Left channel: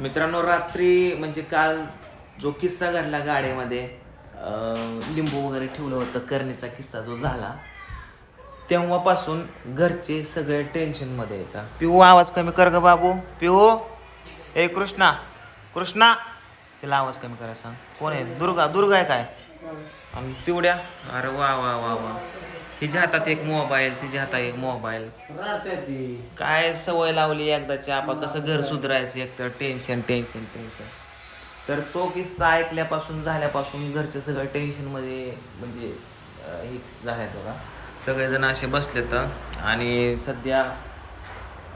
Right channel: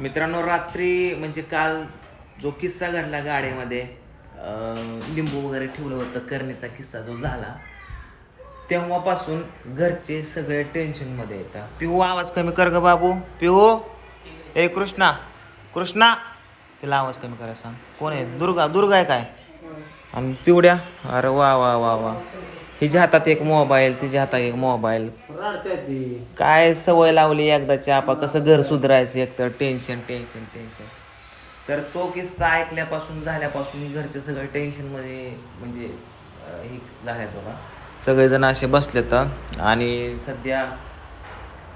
मित्रांनो रात्री म्हणजे काल जो किस्सा घडला गाडीमध्ये लिंबू वगैरे ठेवलं होतं करणीचा किस्सा जो झाला तेव्हापासून घरचे सगळे टेन्शनमध्ये येतात पिऊ आवाज कमी कर ग बाबू. पिऊ. ए कृष्णा. कृष्णा. तिला आवाज कमी करायला सांग. कोण आहे? दुर्गा. दुर्गा आहे काय? आणि पिवड्या? अरे वा वा वा वा. तिच्या हातात एक मोबाईल तिच्या हातात एक मोबाईल. ती. काय सवय लावली एकदाची आपण कसं घर सुधारायचं एक तर टेन्शन टेन्शन टेन्शन तर तो किस्सा ऐकल्यापासून झाल्यापासून घरचे सगळं टेन्शनमध्ये म्हणजे अं, हे झाल्यात बघा. सगळेजण असे बसले तर आणि सध्या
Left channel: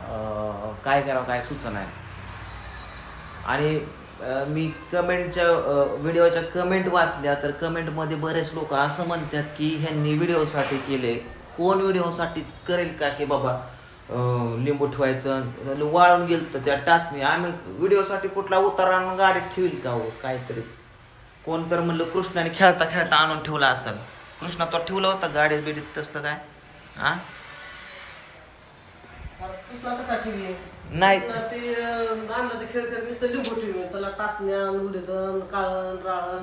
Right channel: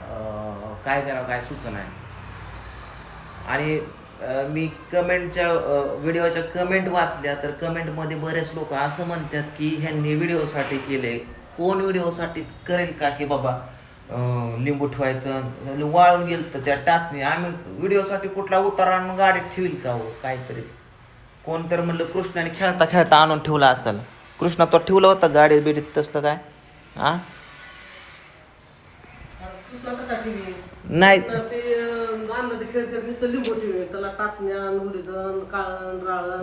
अं, काय करावं काय सुचना आहे. आणि मी कमेंटच्या व्हिडिओच्या कमेंट वाचल्या तर कमेंटमध्ये बरेच लोक असं म्हणतात की ह्यांनी व्हिडिओसाठी केले. कोण व्हिडिओसाठी करेल का की बाबा लिंबू ठेवायचं वाळून गेलं तर त्या टाचणी. आम्ही व्हिडिओसाठी कुठला उतारा आणून गाडीत ठेवील का हो? काहीतरीच. कोण तर म्हणलं कृष्णाने खेळता खेळता आणून ठेवला असेल. कृष्णा तो ठेवला होता गाडी बिडीत तसलं काय? हा कृष्णा कसा नाही.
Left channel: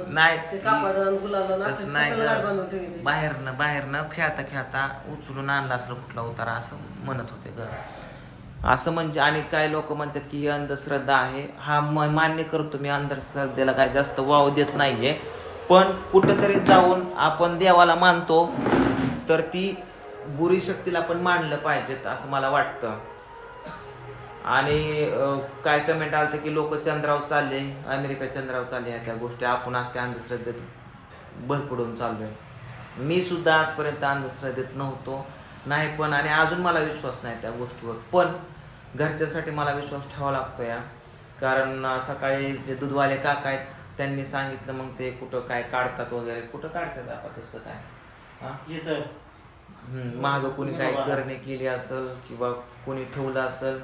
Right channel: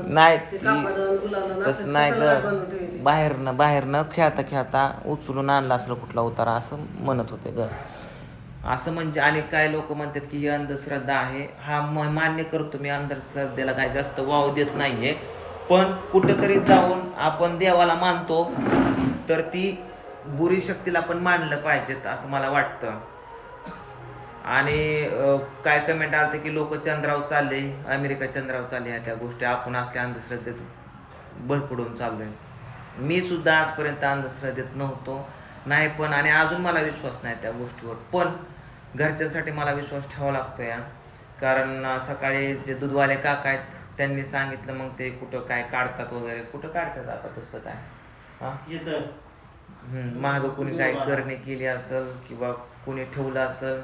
नाही तसं नाही ग. बाहेरनं बाहेरनं खेळता खेळता उचलून आणला असलं कुठला उतारा असं म्हणत होते ग. असं म्हणजे आणि काय लोक म्हणतात की ही अंधश्रद्धा आहे. हा मान्य करतो मी अंधश्रद्धेला काय जास्त वाव देत नाहीये. पण कुठंतरी जाऊन आपण देवाला मानतो तर ती बुरी शक्तीला पण मानलं पाहिजेत असं मला वाटतं. आणि काय कमेंट आलं की लोक चंद्रावर चालले अमेरिका चंद्रावर चालले ह्या त्या गोष्टी. आपण असल्या अंधश्रद्धेत भरपडून चाललोय. मी सुद्धा आजपर्यंत अंधश्रद्धेत नव्हतो. नाही पण आणि अजून मला विश्वास नाही त्या गोष्टीवर. पण घरच्यासाठी मला विश्वास ठेवावा लागतो या. कारण सकाळी जे दूधवाले काका आहेत त्यांनी सांगितलं मग ते कुठं काय काढतात वगैरे. कुठं काढतात आता तसं काय? हां? माग कोणी काय करणे केली असेल किंवा कोणी ठेवलं असेल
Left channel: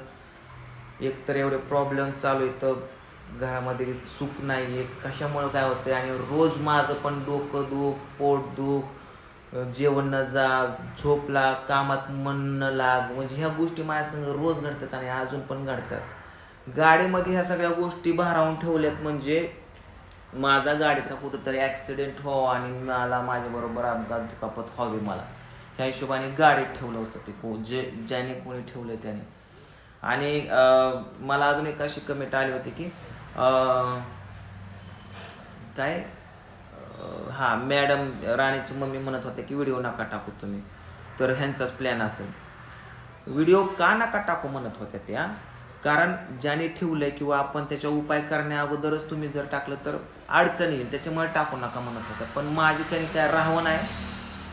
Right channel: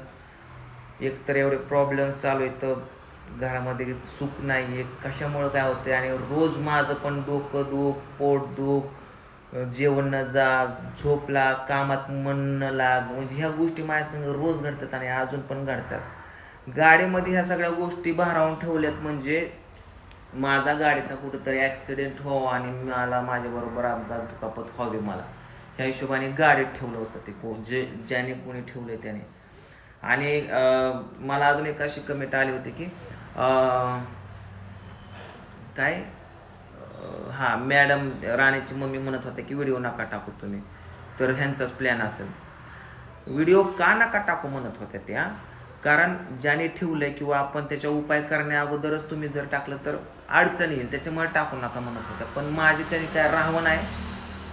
एकतर एवढे प्रॉब्लेम चालू आहेत तर घरामध्ये सुख नाही आहे. कशामुळं काय होतंय? आणि रोज माझं पण डोकं दुख पोट दुख जेवण न जा झोपला कामात मन न लाग म्हणजे ह्या गोष्टी माझ्या संग रोज घडतात आणि अजून पण घडतात. गाडीमध्ये ह्या सगळ्या गोष्टी भारावून ठेवल्यात म्हणजे माझा गाडीचा कुठंतरी ॲक्सिडेंट व्हावं हो आणि मला माझ्याबरोबर अपघात दुखापत व्हावी मला. ह्या हिशोबाने गाडीत ठेवलं होतं ते को जे ज्याने कोणी ठेवलं त्याने. आणि मला अजून एक अशी कमेंट आली होती की काय? हां हा मॅडम राणीची मम्मी म्हणत होते की व्हिडिओ नका टाकू तुम्ही. तर ह्यांचाच प्लॅन असेल. व्हिडिओ का नका टाकू? म्हणत होत्या त्या. कारण ज्याने ठेवलंय किंवा आपण त्याच्या उपाय करण्या अगोदरच तुम्ही जर टाकलं तर अडचण येईल. त्याच्यामुळे टाकू नका म्हणत होत्या. पण माझ्याच्याने काय राहावं नाही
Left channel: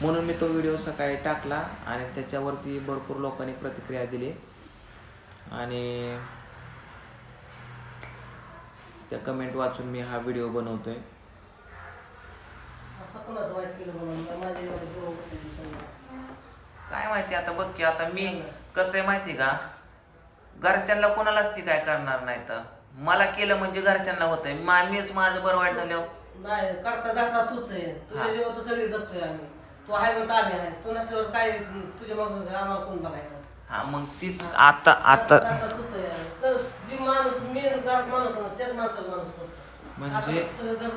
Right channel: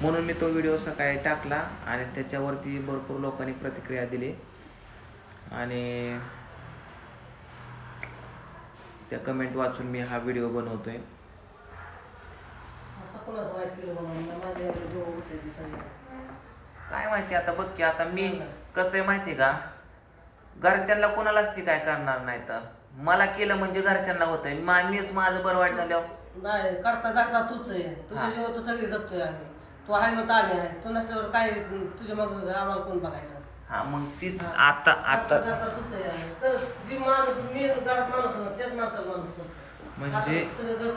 म्हणून मी तो व्हिडिओ सकाळी टाकला आणि त्याच्यावरती भरपूर लोकांनी प्रतिक्रिया दिली. आणि त्या कमेंट वाचून मी हा व्हिडिओ म्हणून होते दिसायला काय माहिती आता बघ की आता मी कसं आहे माहिती का? घरच्यांना कोणालाच ती काय करणार नाही तर. मला केलं म्हणजे घरच्यांना होतंय. मा मीच माझं बरं वाईट झाल्यावर. नाही करता दाखता तूच आहे. तुझ्या हा. तर सगळे जगतोय आम्ही. तू आहे आम्ही आहे. तू नसल्यावर काय तुझ्या मग आम्हाला कोण बघायचं? हा मग तीच आता आता. जी माणूस गाठ माणूस आहे, त्याच माणसाला माणूस करतो म्हणजे- आता जर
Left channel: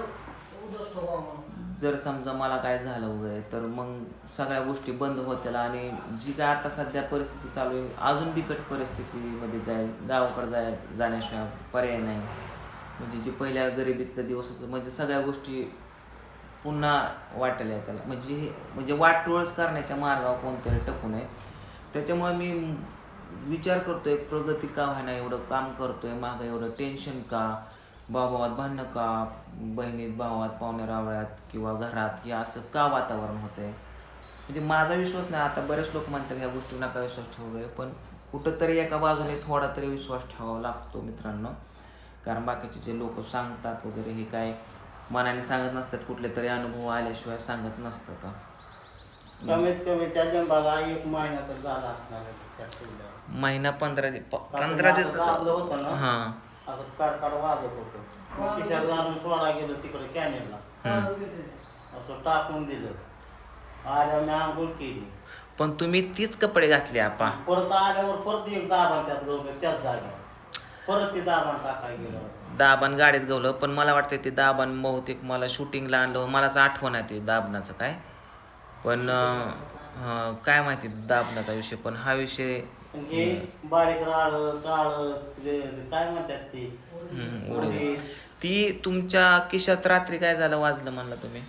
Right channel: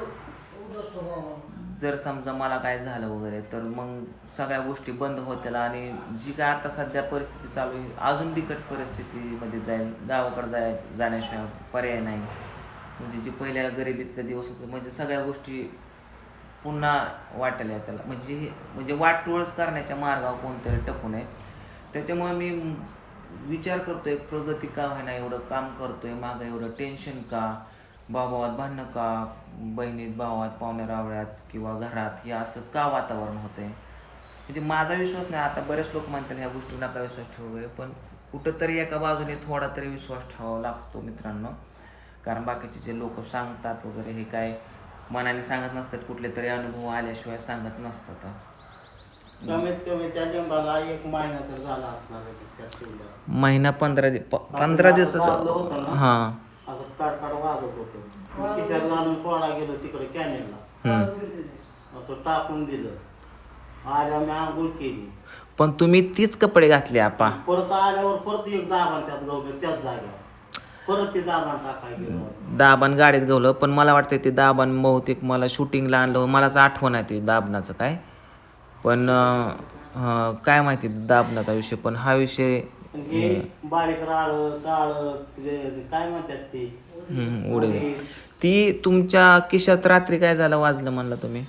व्हावं म्हणून. जर समजा मला काय झालं वगैरे तर मग सगळ्या गोष्टी बंद होतील आणि जी काय आता सध्या परिस्थिती चालू आहे अजून बिकट परिस्थितीमध्ये जाईल गावाकडे जाय जाण्याशिवाय पर्याय नाही. म्हणजे जी पहिल्या गरिबीतले दिवस होते म्हणजे सगळ्या गोष्टी पुन्हा वाटल्या त्याला म्हणजे म्हणजे वाटोळच करण्याच्या मार्गावर कोणतरी टकू नये. त्याच्यामुळे मी विचार करतोय प्रगती का व्हायना एवढं काम करतोय मागं एवढं टेन्शन का? भावात भांडणं का? बहिणीत भावात पाहुण्या रावळ्यात किंवा घरात हे असं का वातावरण होतंय? म्हणजे माझा विश्वास नाही आता बरेच लोक म्हणतात ह्या गोष्टी नका विश्वास ठेवूया पण कुठंतरी एका बाजूने थोडा तरी विश्वास ठेवावा लागतो मित्रांनो. कारण बाकीचे जे लोक सांगतात वगैरे हे काय मनाने सांगत नसतात कुठले तरी अनुभव आल्याशिवाय सांगत नसतात. कमीत कमी त्या जंबाला एक महिना तर झाला असणार आहे त्या ठेवल्यावर. महिना पंधरा दिवस पंधरा दिवस दाबलं होतं ना? हां. असं काडकाड वाजत होतं. मग खिशात घालून सोडा गेलो तिकडे कॅनेलला असं टाकून दिलं. आल्या मी आंघोळ केली. पण तुम्ही तीच कपडे घातले आपा. परत आल्यावर परत एक दाबा त्यात गवलं त्याच जागेवर परत ते दाबान टाकाय गेलो. दाबान गाडीत गवलं पण मला वाटतं ते दाबान बहुतेक मला शूटिंगला आणलं मलाच आठवण आहे ते दाबनाचं काय. पण अं, काय माहिती दाबनाचा विषय पण हा विषय हे बारीक राळ काळ काय म्हणतात ते. हम्म, ती तुमच्या खिशात रात्री काय झालं वाजलं म्हणलं तुम्ही?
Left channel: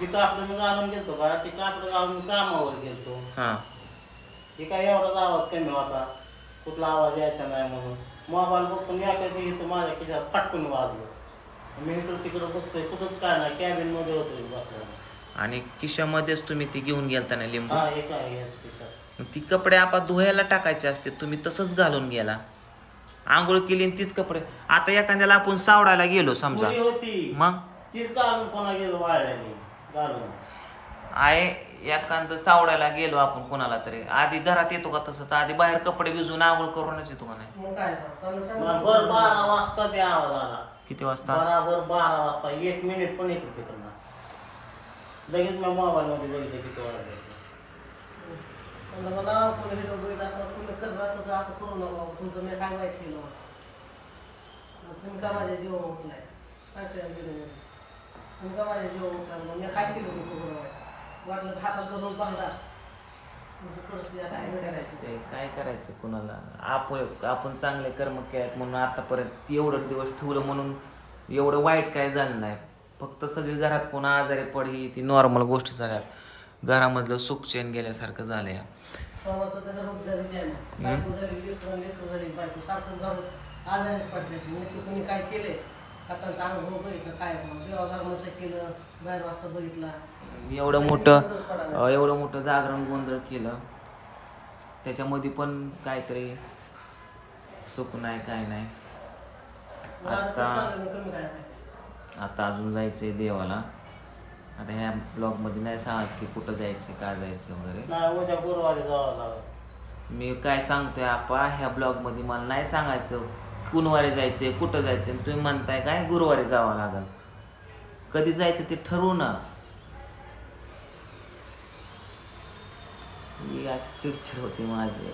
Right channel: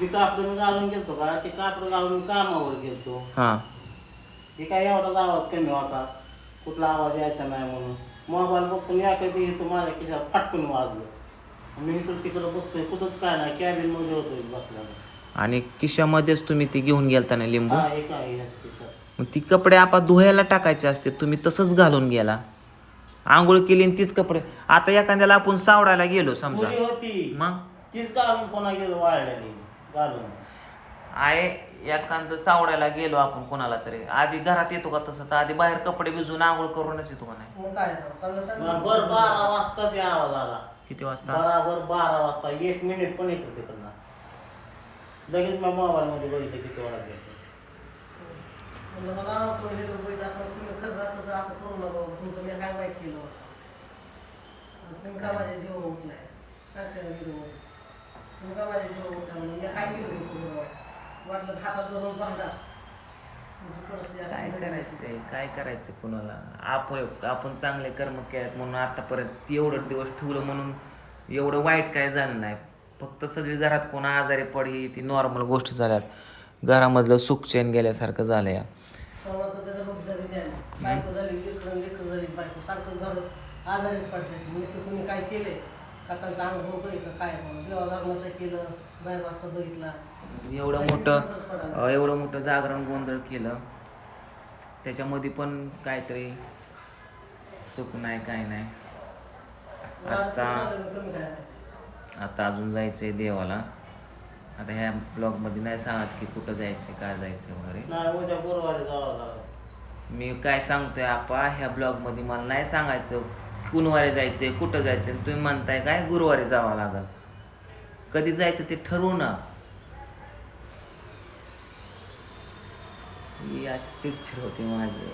जे कापड मी घालून गेलतो का ते कापड घालून कामावर गेलतो. हां. हे काय एवढाच आवाज कमी होता? कुठला आवाज यायचा नाही म्हणून. मोबाईल बघतो याकडे इथं माझ्या खिशात फटकून वाजलं. मी इकडं तिकडं बघतोय कुठंच काय नाही कॅबिनमध्ये होतोय बसला आणि खिशामध्येच तुम्ही ती घेऊन गेलता ना लिंबू? हा काय याच खिशात मग ती कपडे आपण धुवायला टाकायचे असते तुम्ही तसंच घालून गेला. आंघोळ केली आणि तीच कपडे. आता एखाद्याला आपण सावडायला गेलो समजा. पुरी होती. मग? तीच घालून पुन्हा गेलो वाळल्याने घालून. आहे एखादं सावडायला गेलो आपण कोणाला तरी. आधी घरात येतो का तसंच? आधी बाहेर कपडे भिजून आंघोळ करूनच येतो का नाही? मग काय तर, त्यांना सांगितलं. बरोबर बारा वाजता ते आवाज आला. किती वाजता? बराबर बारा वाजता. एक मिनिट पण इकडे तिकडला लगेच मी मोबाईल मध्ये बघितलं किती वाजलं त्यांना मला कोणी हे बघितलं असं, तुम्ही करत असाल तर असं करू नका बाबा. तुमचं मी काय वाईट केलं मग तुम्ही का माझ्या जीवा उठलाय सांगते ना गेलो तुम्ही का माझ्या जीवन उठला मग मी काय केलं तुमचं बरोबर वाटलं तर हातात धरून पाहता तुमची परिस्थिती काय अशी करायचं काय करायचं कुणाला? आपण आपण चांगले कर्म केलेत म्हणून आतापर्यंत एवढं दिवस ठेवलं म्हणून एवढं वाईट काय झालं नाही. फक्त सगळी घरात कोण आजारी पडली ती नॉर्मल गोष्टी झाल्यात. घरामधलं सुख चैन गेल्यासारखं झालं या आजारीच पडते. नक्की कुणी काय केले का त्यांचा अनुभव का? काय केलं बाहेर वाजता बघितला. एवढं मोठं एवढं मोठं जागरण गोंधळ केलं. त्याच्यामध्ये पण काहीतरी सुख नाही काय नाही. आता आता अजून जायचंय देवाला. आता ह्या ब्लॉगमध्ये नाही सांगत की कुठं जायचं काय जायचं वगैरे. नाही उद्या गुरुवारी जावं लागलं. मी काय सांगतोय आपा ह्या ब्लॉगमध्ये मला नाही सांगायचं कुणवारी जायचंय कुठं जायचं आणि तुम्ही म्हणताय काय गुरुवारी जावं लागल. कधी जायचं ते ठरवू ना. ही अशी चिडचिड होती माझी.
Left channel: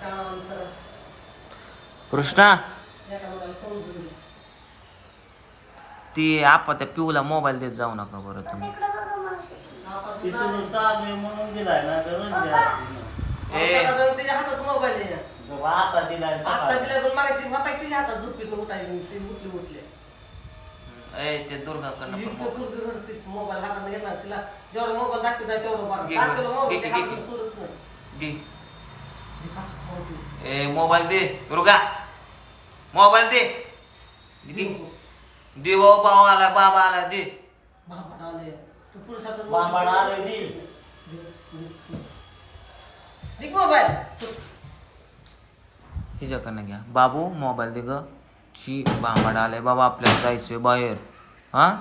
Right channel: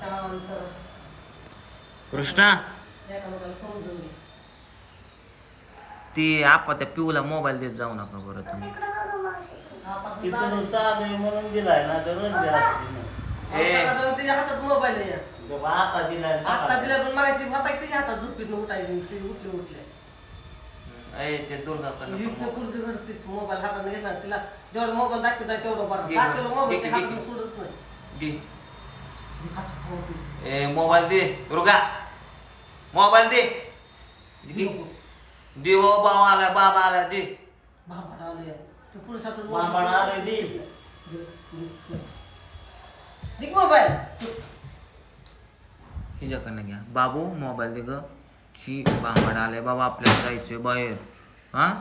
शांत कृष्णा! ती आपा त्या पिऊला मोबाईल देत जाऊ नका बरं तुम्ही तिथून चालू आहे म्हणून दिलाय ना. ए. तिच्या हातात मोबाईल आहे आता दिलाय आता पण मागाशी तिच्या हातात झोपीत उठायची ती उठली उठली ए ते दुर्गाकडनं मोबाईल हातात घेतला तिला जेवढा मोबाईल दाखवत नाही तेवढं बरं. दाखवलं मोबाईल नाही. ए मोबाईल दे दुर्गा मोबाईल दे. दे. भाऊ भाऊ आला बाबा आला दे. भांबाड आले. दे, मोबाईल? सुट. हिच्याकडनं घ्या. बाबू मोबाईल दे ग. ची बाबाड आलाय बाबा आपल्याला जायचंय बाहेर. हा?